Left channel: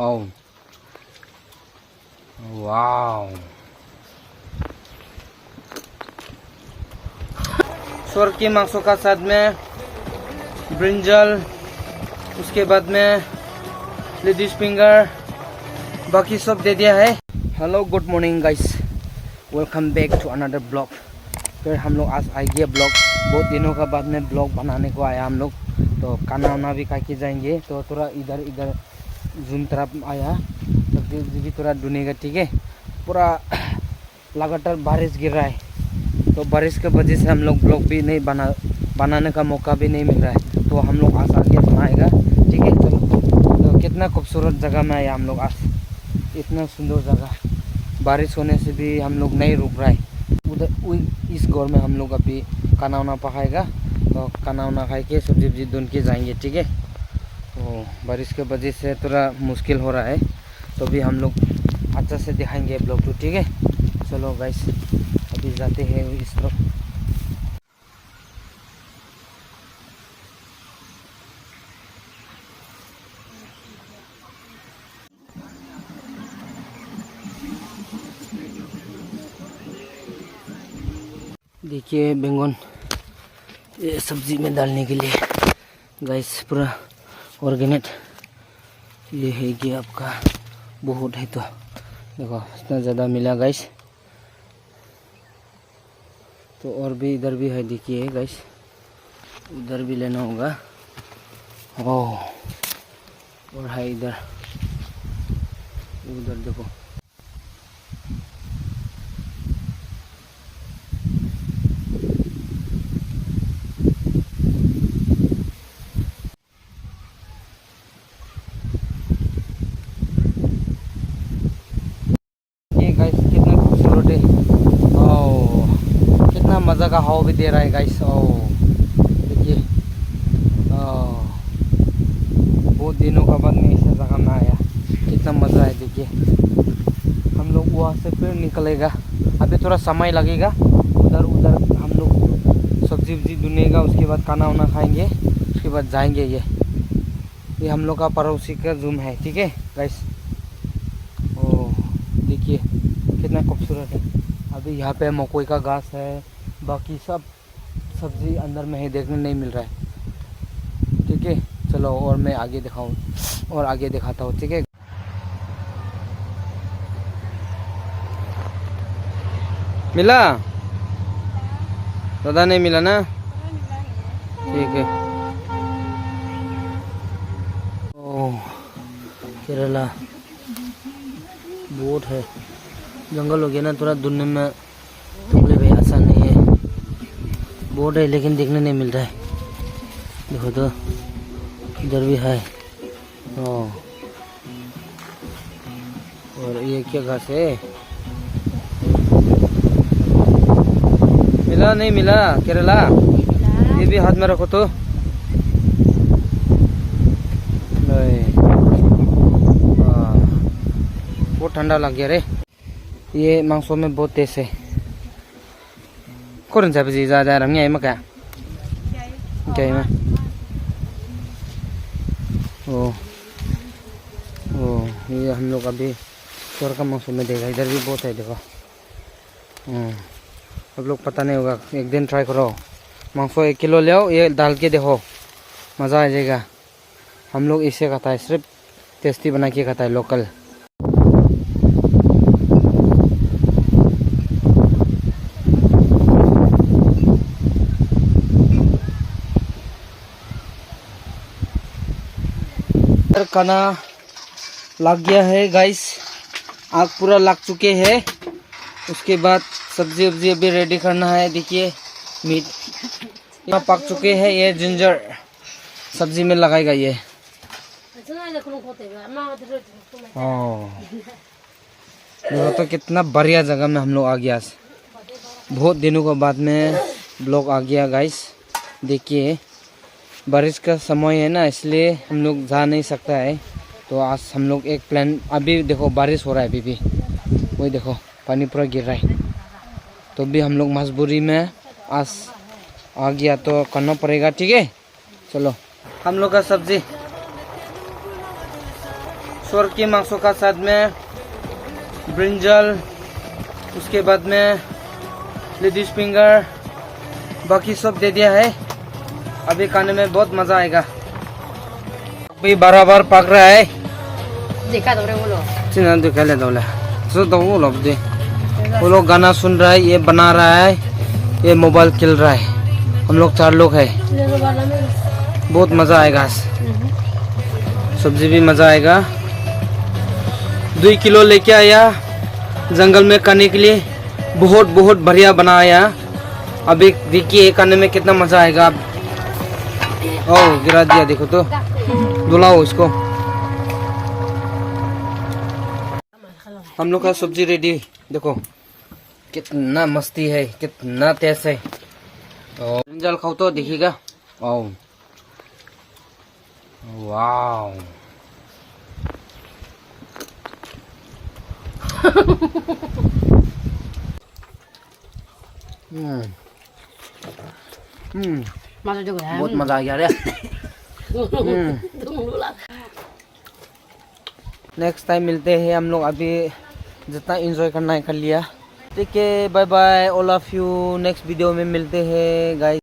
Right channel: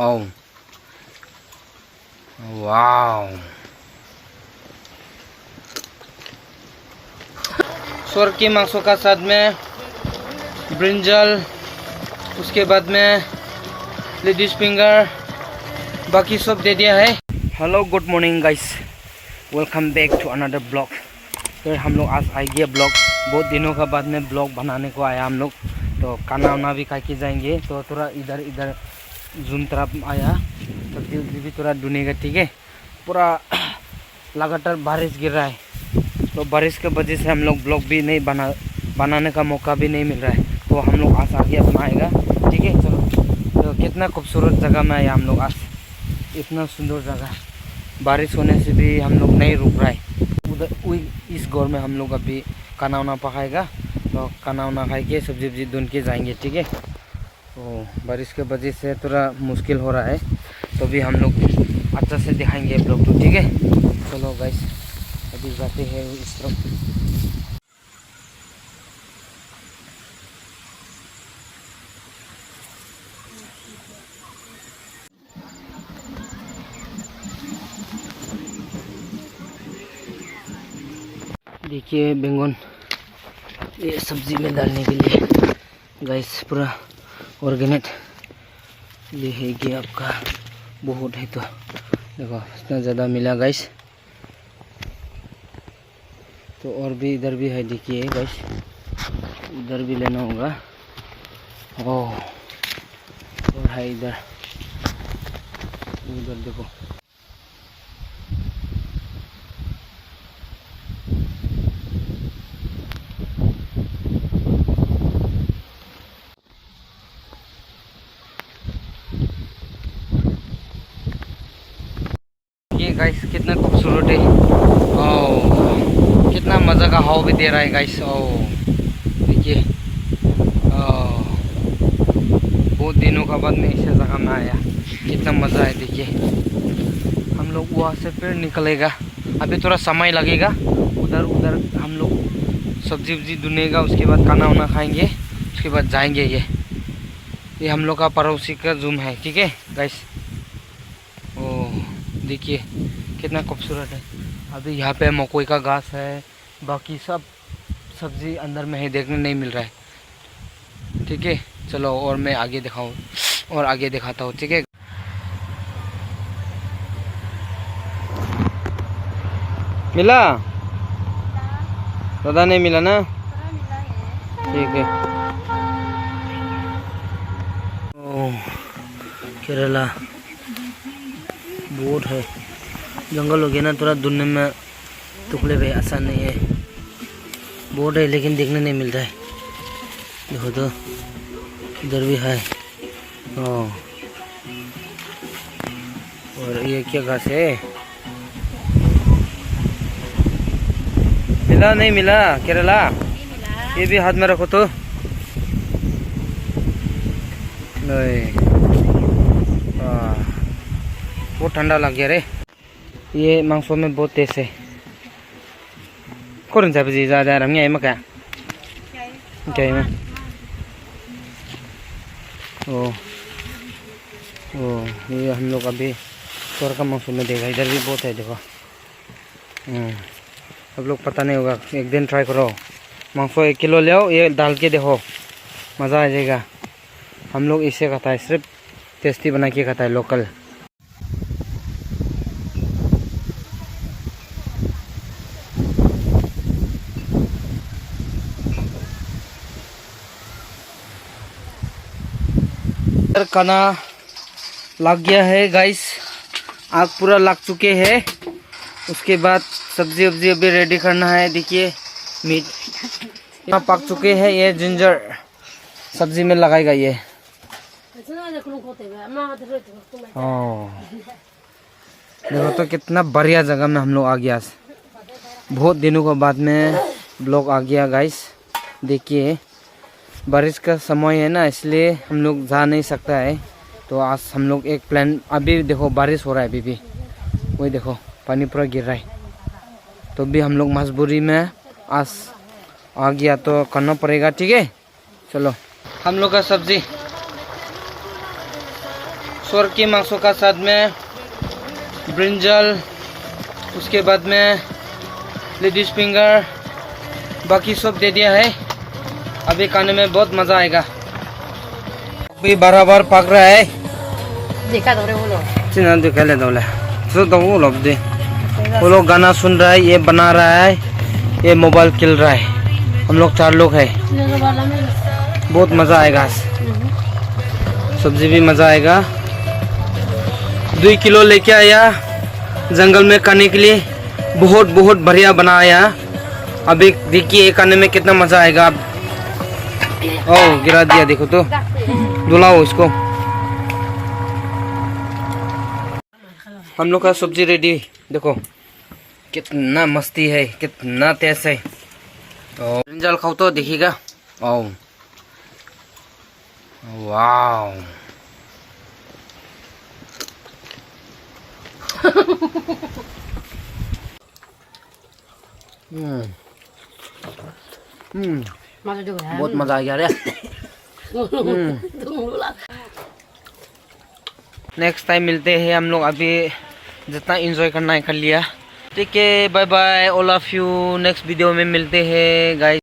Oh, wow. सुअर के मांसों का साथ में ब्रिंजल, उसके बाद में लेडीज फिंगर, बाकी सब दे दिया है। Hello good morning guys, welcome back to another blog. फिर हम लोग आज आ गए ब्लॉग, बहुत दिनों का बाद में ब्लॉग बनाने को आया हम लोग। तो खाना वाना भी खा के जाएंगे, तो थोड़ा इधर इधर जूम तरफ आया, सब्जी उब्जी भी थोड़ा ढूंढेगा। ठीक है, पूरा लगातार बारिश गिर रहा है, तो बारिश के वजह से हम लोग ब्लॉग भी नहीं बनाने का मौका भी नहीं मिल रहा है। तो हम लोग आज आगे अपना आएगा। ठीक है, चलो। तो कितना खूबसूरत जगह में आया हम लोग आज, इतना सुंदर जगह। बारिश होने से भी हम लोग नहीं रुक रहा है। उधर इस घर में हम लोग अभी खाना वाना पकाएगा, तो खाना वाना खा के सब्जी वब्जी ढूंढ के जाएंगे। ठीक है, तो बारिश के वजह से थोड़ा मुश्किल हो रहा है, तो भी हम लोग अच्छा से दिखाएंगे ब्लॉग तो। ठीक है, चलो गाइस अभी जाते हैं इस तरफ। देखिए बैंगन, ये सब्जी में डालने के लिए गाइस पूरा ऑर्गेनिक ये है कि आपका बहुत है। तो देखो इतना ज़्यादा मिला गाइस। तो और भी इधर भी है, देखिए गाइस, इधर भी लेना होगा। ओह, और है इधर, उधर देखो। ये गाइस कितना खूबसूरत है। ओह, कितना मज़ा का हवा भी दे रहा है गाइस। ओह देखिए, बहुत दिनों का बाद में इस जगह में आया, कितना मज़ा है। देखिए हम लोग वहाँ से फिर निकलेगा, अभी थोड़ा समय लगेगा। उधर उधर हम लोग सब्जी वब्जी ढूंढेगा, उसके बाद खाना वाना खाएंगे, उसके बाद जाएंगे। ये हम लोग का पड़ोसी का जूम है। ठीक है गाइस, ओह देखिए कितना खूबसूरत है। अभी यहाँ पे मकोई का घास है, बाकी सब सब्जी अंदर में है, देखने नहीं मिल रहा है। ठीक है, चलो और मैं आगे दिखाऊँ और आगे दिखाता हूँ। ठीक है, मिला ज़्यादा नहीं मिला ना, ठीक है। ओह केरला बहुत है, जंगल हो गया ना, थोड़ा ढूंढने में तुमले भाई आसान नहीं है। बहुत है लेकिन देखने नहीं मिलता है। देखो तो इधर भी है। ओह, और ये क्या घास है? मिला नहीं मिला केरला? ये भी हाथ में रखो तो। बहुत ठंडा लग गया रे, ये मांसों में बहुत तेज है। कौन सा बजी ज़्यादा रंग है मका क्या है? ओ ये हम लोग अभी चोर का मांसों में देखा, इधर भी बहुत है देखो। सब लोग पता नहीं होगा, एक दिन ट्राई करो, मांसो 1 किलो ले आओ, ये डाल के देखो, मज़ा आ जाएगा। हम लोग इसे खाता है, सिर्फ टेस्टी बना के खाता है, लोकल। खाना लग गया है गाइस, आग पूरा लग चुके हैं। उसके बाद सब्जी वब्जी अभी रेडी करना है। देखिए मीट यहाँ पक चुके हैं, ये जिंजर सब्जी में लगाएगा ये। देखो तो कितना बढ़िया जगह में हम लोग आ गया, बहुत दिनों के बाद में ब्लॉग आ गया गाइस। देखिए बारिश का समय है ना, इसलिए हम लोग जा नहीं सकता है। तो आज हम लोग एक प्लान, अभी देखो बारिश हो रहा है, अभी भी वही देखो पानी पूरा गिर रहा है, तो भी हम लोग मजबूरी में आज आ गया, तो करना पड़ेगा। ठीक है, चलो। हम लोग का सब्जी स्वर्ग के मांसों का साथ में ब्रिंजल, उसके बाद में लेडीज फिंगर, बाकी सब दे दिया है। अभी खाने में बहुत मज़ा आएगा। अभी बराबर पक रहा है। देखा तो वो लोग चिन्ह दिखा ले दो ले तो वो लोग दे, वो लोग गाना सुन रहा है, ये बना रहा है, ये मोबाइल खेल रहा है। हम लोग 4 लोग है। बहुत मज़ा आएगा। सब्जी भी मज़ा आएगा। 2 किलो लेके आया जंगल में खाने के लिए। बहुत बहुत बढ़िया बनाया। अभी देखिए खाने में कितना मज़ा आएगा। ओह गिरा दिया, देखो तो, धुलाओ इसको। हम लोग का सब्जी रेडी, देखो कितना मस्ती है, कितना टेस्ट है। तो ब्रिंजल खाओ तो देखिएगा। ओह वाओ, बहुत मजा आ गया रे। नेक्स्ट टाइम मिलते हैं हम लोग। अभी जितना एंजॉय करना है कर लिया। ठीक है, bye bye all of you. Next video में मिलते हैं गाइस।